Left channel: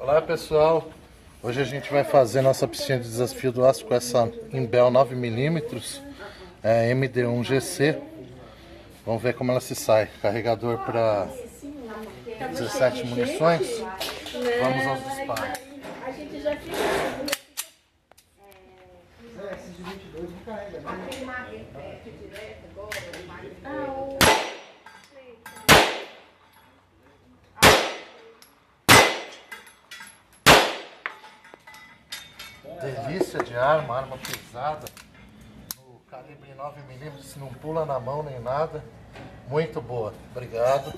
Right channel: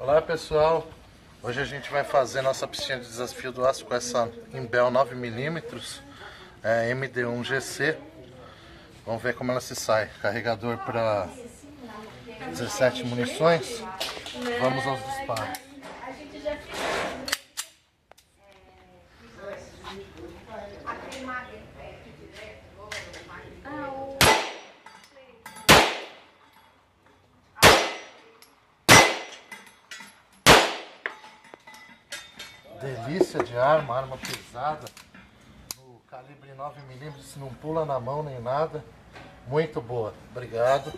Olá pessoal, hoje a gente vai fazer nossa piscina de desafio do aço com essa Imbel 9mm MD1 GC. Vamos ver como ela se sai. Carregador para 17 munições. Vamos aos disparos. Delícia de arma pesada, no calibre 9mm, não pula na mão nem nada, muito boa, obrigado.